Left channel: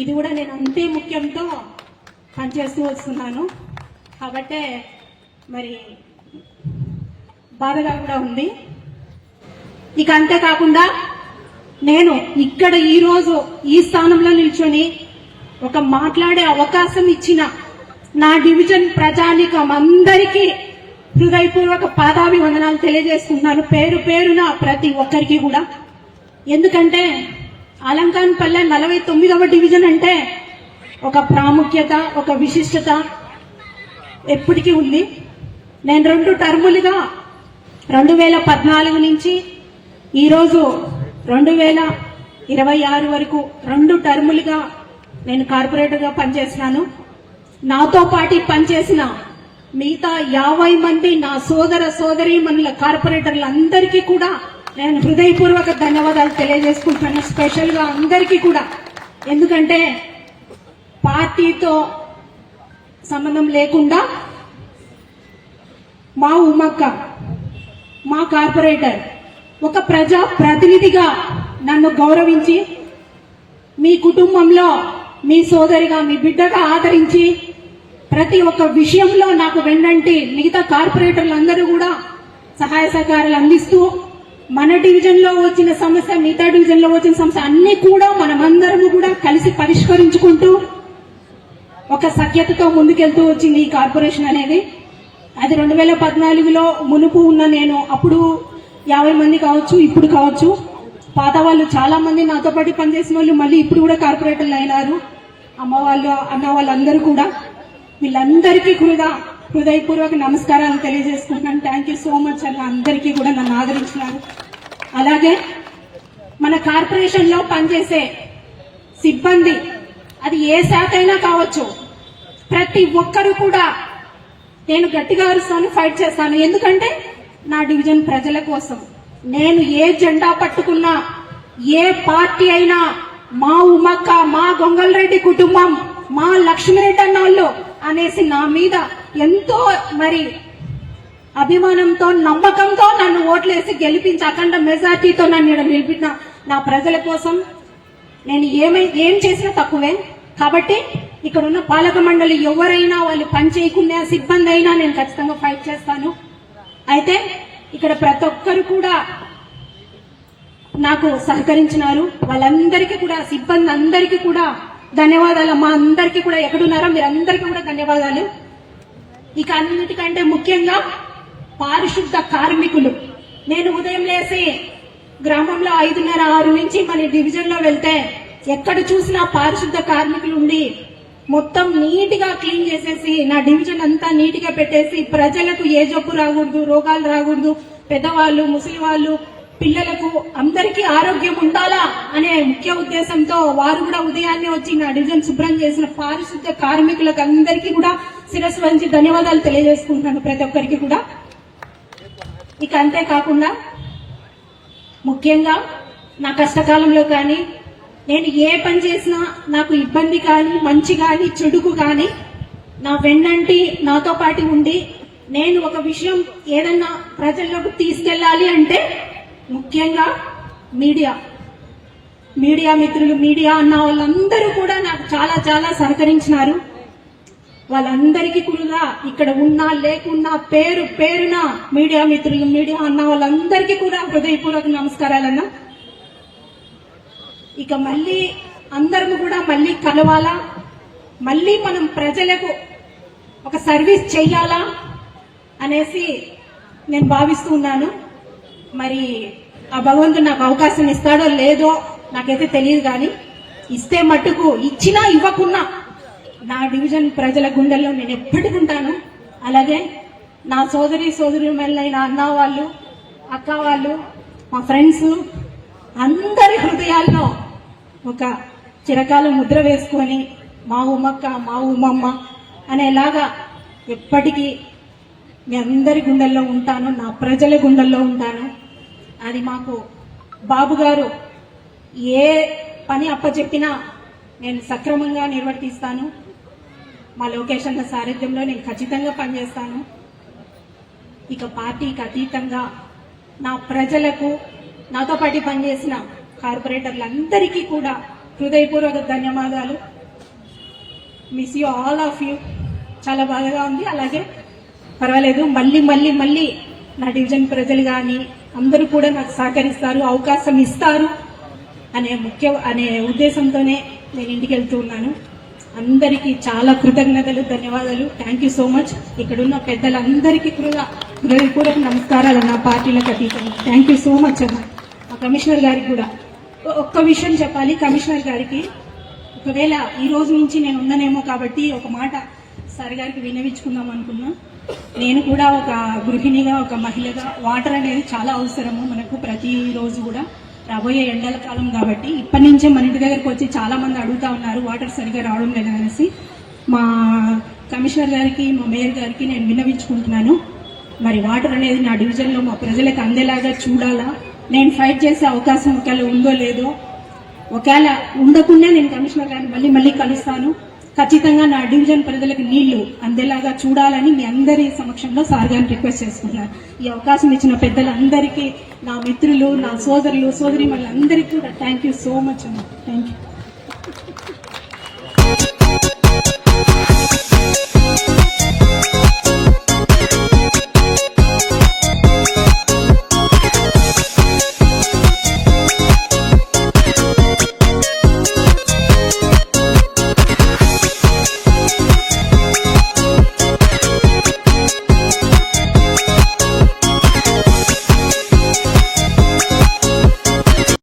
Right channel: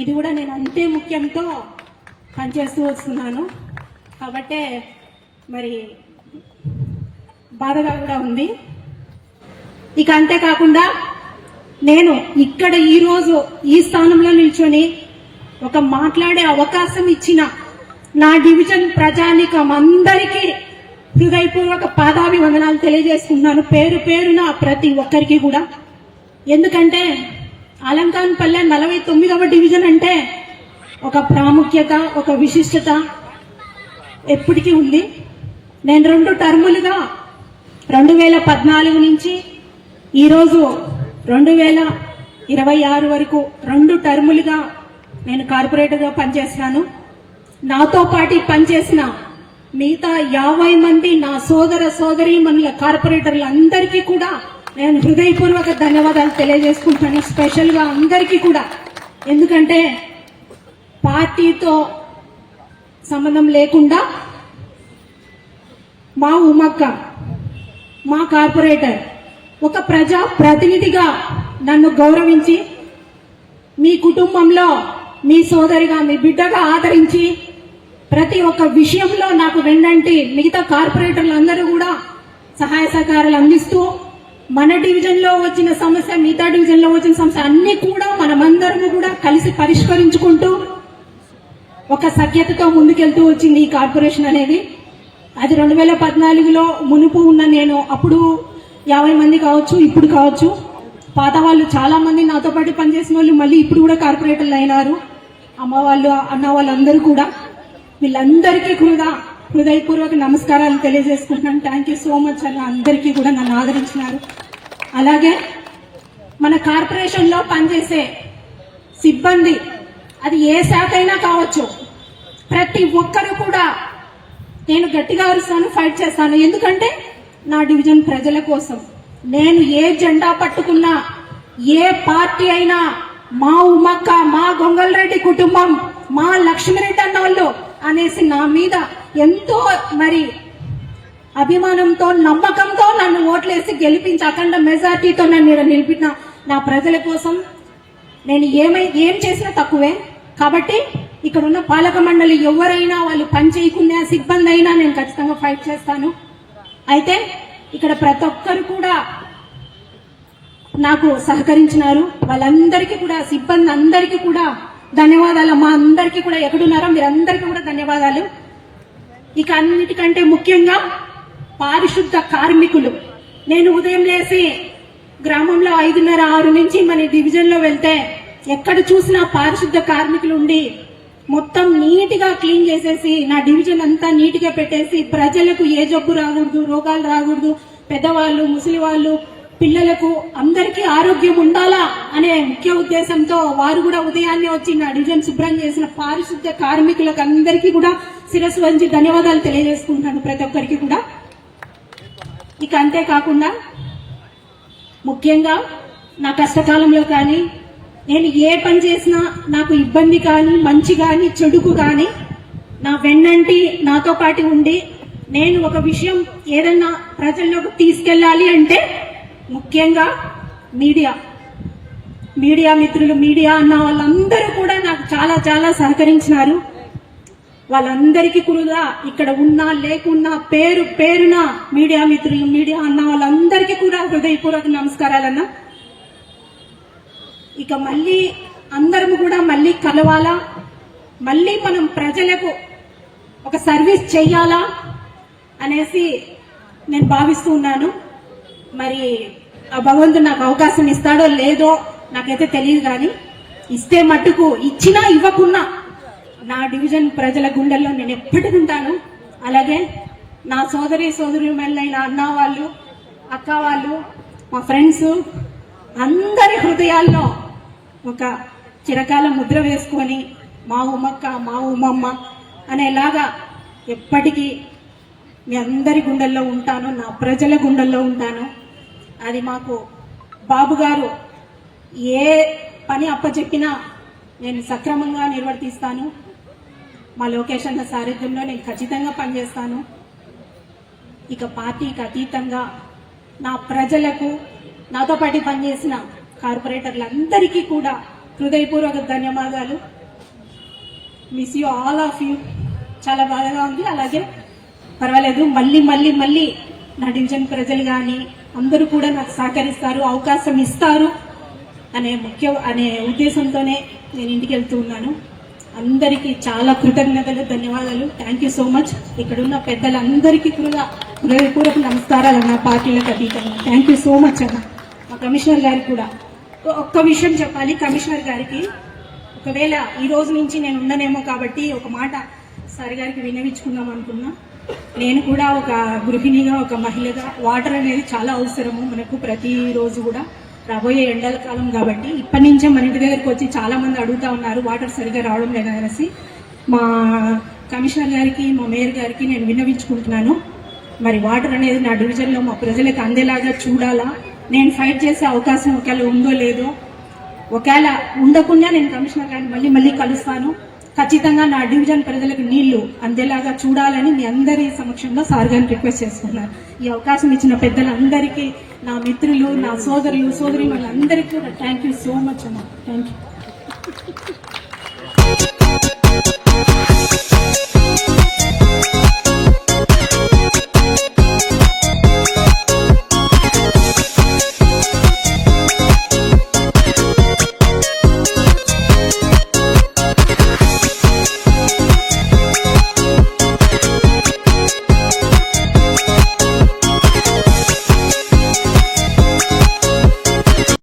ఇది కూడా నేను అంతే ముఖ్యంతో పనిచేస్తూ వస్తున్నాను కాబట్టే మరి బాధగా కూడా ఉంది. ఇక అంతేకాకుండా నేను ఇక్కడ ఈరోజు ఈ స్థానంలో నిల్చొని ఒక మాట్లాడే అవకాశం ఇచ్చిన నా డివిజన్ ప్రజానికం అందరికీ హృదయపూర్వక పాదాభివందనాలు తెలియజేస్తున్నాను, పేరు పేరున ప్రతి ఒక్కరికి కూడా. ఎందుకంటే అలంకాన్పల్లె 49వ డివిజన్ అంటే ఒక ప్రాముఖ్యత, ఒక విశిష్టత ఎప్పటికీ ఉంది. నేను 2 టర్ములుగా 2014 నుంచి ఈరోజు 2026 వరకు 2 టర్ములుగా నేను కార్పొరేటర్గా పనిచేస్తున్నాను. నాతో పాటు పనిచేసిన మిగతా 50 మంది నా సోదర సోదరీమణుల కార్పొరేటర్లందరికీ కూడా నేను హృదయపూర్వక ధన్యవాదాలు తెలియజేసుకుంటాను. స్పెషల్ గా అందరికీ కూడా, ఎందుకంటే పార్టీతో సంబంధం లేకుండా మా ఉమ్మక్క, మా కార్పొరేటర్ ఒక ప్రజా ప్రతినిధిగా నన్ను గౌరవించి మీ కుటుంబంలో మీ సోదరిగా, మీ బిడ్డగా ఆదరించి ప్రతి ఒక్క విషయంలో నాకు వెన్నంటి మిగతా కార్పొరేటర్లు అందరూ కూడా సహాయ సహకారాలు అందిస్తూ మన డివిజన్ లో వచ్చిన సమస్య, మిగతా డివిజన్ లో వచ్చిన సమస్య అన్ని కూడా మనమందరము కూడా కలిసి పరిష్కరించుకుంటూ ఒక సఖ్యతతో ముందుకెళ్తూ వచ్చింది ఈ కార్పొరేషన్ అనేది. అది 2014లో మునుపు ఉన్న నేను అప్పుడు 50 మంది కావచ్చు, ఇప్పుడు కావచ్చు, పాత వాళ్ళు చాలా మంది నాతో పాటు పనిచేసిన వాళ్ళు మళ్ళీ ఇప్పుడు కూడా కార్పొరేటర్లు అయినారు. అమ్మ వాళ్ళు, అన్న వాళ్ళందరూ కూడా, వీళ్ళందరికీ కూడా హృదయపూర్వక నమస్కారాలు తెలియజేసుకుంటున్నాను. థ్యాంక్ యూ సో మచ్ అన్న, అందరికీ కూడా నన్ను ఆదరించినారు. అలాగే మన కార్పొరేషన్ లో పనిచేసే సిబ్బంది, అది ఏ శాఖ అయినా కావచ్చు, ప్రతి ఒక్కరూ కూడా నేను గట్టిగా అరుస్తాను, ఫైట్ చేస్తాను. ఎందుకంటే నా డివిజన్ ప్రజల కోసం. నేను ఏ జెండా పట్టుకున్నా, ఏ పార్టీ అయినా, మా ఉమ్మక్క, మా గొంగల్రెడ్డి కుటుంబం, మా లక్ష్మీరెడ్డి అన్నోళ్ళు అనేసి నా మీద ఎంతో మరి అభిమానంతో, నమ్మకంతో నన్ను ఓట్లేసి గెలిపించి అఖండ మెజార్టీతో నన్ను నిలిపిన నా ప్రజల కోసం నేను ఏం చేసినా తక్కువే. కాబట్టి ఇక్కడ ఉన్న పాలక మండలి ఎవరైనా వాళ్ళు పని చేయకునే సిబ్బంది అయినా నేను ఖచ్చితంగా ఫైట్ చేస్తాను. అయితే ఇక్కడ ప్రతి ఒక్కరు కూడా నాకు సహకరించినారు. వాళ్ళందరికీ కూడా, సిబ్బంది అందరికీ కూడా ధన్యవాదాలు. మా అందరికీ కూడా, ఎక్కడున్నారో మీరందరికీ కూడా ధన్యవాదాలు. ఇక అన్నిటికంటే ముఖ్యంగా పారిశుద్ధ కార్మికులు. నేను ఉదయం లేసి గ్రామంలో 5:30, 6 నుంచి మన డివిజన్ లో వెళ్తే ఎక్కడ చూసినా పారిశుద్ధ కార్మికులు ఉండి మొత్తం నీట్ గా క్లీన్ చేసేసి నా డివిజన్ అంతా నీట్ గా పెట్టేసి ప్రజలకు ఏ జబ్బు రాకూడదు, రోగాలు రాకూడదు, పెద్దవాళ్ళు, ముసలి వాళ్ళు, పిల్లలకు అందరికీ ఆరోగ్యం ఉండాలా అనే ముఖ్య ఉద్దేశంతో వారు కూడా ఉదయాన్నే వచ్చి నా డివిజన్ శుభ్రం చేసిన పారిశుద్ధ కార్మికులకు అందరికీ కూడా శిరస్సు వంచి ధన్యవాదాలు తెలియజేసుకుంటున్నాను ప్రతి ఒక్కరికి కూడా. ఇక అంతేకాకుండా ముఖ్యంగా నా కష్టకాలంలో కానీ నేను ఏ పని చేసినా నాకు ఇబ్బంది కానీ, మంచి కానీ, చెడుకు కానీ నా వెన్నంటి నాతో పాటు ఉండి నేను ఒక విషయం ఏదైనా ప్రజల్లోకి తీసుకెళ్లాలి అంటే ముఖ్యంగా మీడియా మిత్రులు, మీడియా అన్న వాళ్ళందరూ కూడా నాకు చాలా చాలా సహకరించినారు. వాళ్ళందరికీ కూడా ఇక్కడ ఉన్నా లేకున్నా పేరు పేరున మీడియా మిత్రులు, మీడియా అన్న వాళ్ళందరికీ కూడా హృదయపూర్వక నమస్కారాలన్నా. ఇక మళ్ళీ అందరం కూడా మళ్ళీ కలవాలా, మళ్ళీ మనం ప్రజలకు ఒక సర్వీస్ చెయ్యాలా అనేసి నేను భావిస్తూ ఉన్నాను. మరి ఆ భగవంతుడు నాకు అవకాశం ఇస్తాడో లేదో నాకైతే తెలియదు, కానీ ఇస్తే మట్టుకు, ఇచ్చినా ఇవ్వకున్నా నా డివిజన్ ప్రజల గుండెల్లో నేను ఎప్పటికీ ఉంటాను. అలాగే నా సోదరీమణులైన అన్న వాళ్ళు, అక్క వాళ్ళు, మా ఫ్రెండ్స్ అందరి హృదయాల్లో ఒక చిరకాల ముద్ర వేసుకొని మా ఉమ్మక్క, మా ఉమ్మమ్మ అనేలాగా ఎప్పటికీ మీ అందరి గుండెల్లో ఉంటాను, నా ప్రజల గుండెల్లో ఉంటాను. అది మాకు బాబు గారు ఏ పని అప్పచెప్పినా నేను సక్రమంగా నిర్వర్తిస్తాను. మా లోకేష్ అన్న సారథ్యంలో నేను ఖచ్చితంగా పనిచేస్తాను. ఇక పార్టీకి అతీతంగా నా ప్రజలకు, నాతో పాటు పనిచేసిన కార్పొరేటర్లందరికీ కూడా హృదయపూర్వక ధన్యవాదాలు. Miss you all of you. చాలా బాధగా ఉంది. అలాగే పర్వాలేదు, మళ్ళీ మళ్ళీ మళ్ళీ నా డివిజన్ ప్రజలు కానీ అందరూ కూడా నాకు సహకరిస్తారు, అవకాశం ఇస్తారు అనే ఉద్దేశంతోనే నేను ఇంటికి వెళ్తూ ఉన్నాను. అందరికీ చాలా కృతజ్ఞతలు, ధన్యవాదాలు. Thank you so much. ఇక్కడ ఉన్న పెద్దలందరికీ కూడా హృదయపూర్వక నమస్కారాలు. నా పార్టీలకు అతీతంగా థ్యాంక్ యూ సో మచ్ అన్న. కమిషనర్ గారికి కూడా ఒక్క విషయం చెప్పాలి. కమిషనర్ గారికి ఒకవేళ ఈ రోజు నుంచి నేను ఉన్నానేమో కాబట్టి ఒక మాట సార్ గారికి వినవించుకుందాం అనుకున్నా. నేను కూడా ఒక గృహిణిగా, ఒక మహిళగా వాటర్ అనేది చాలా అవసరము మనకు ప్రతిరోజు కూడా. రాబోయే ఎండల కాలం కాబట్టి ఇప్పటి నుంచే మన ఇంటి దగ్గరికి వచ్చి చాలా మంది అడుగుతా ఉన్నారు వాటర్ సరిగ్గా రావడం లేదా అనేసి. మా కమిషనర్ గారికి, మా మేయర్ గారికి నేను విన్నవించుకుంటున్నాను. మరి వాటర్ అనేది నా డివిజన్లో మా ప్రజలకు అందేలాగా చూడాలా. నేను ఫైట్ చేసే అవకాశం ఒకవేళ ఉందో లేదో, ఒకవేళ ఉండకుండా నేను కమిషనర్ గారిని మళ్ళీ మళ్ళీ కలుస్తాను. ఖచ్చితంగా నా డివిజన్ ప్రజలకు నీళ్లు అందేలాగా చూడాలని మీ అందరి సమక్షంలో సార్ గారిని రిక్వెస్ట్ చేసుకున్నారు. ఈ అవకాశం ఇచ్చిన పెద్దలందరికీ, నా మిత్రులు, నా సోదరులు, సోదరి వాళ్ళందరికీ కూడా థ్యాంక్ యూ సో మచ్ అమ్మ. Thank you.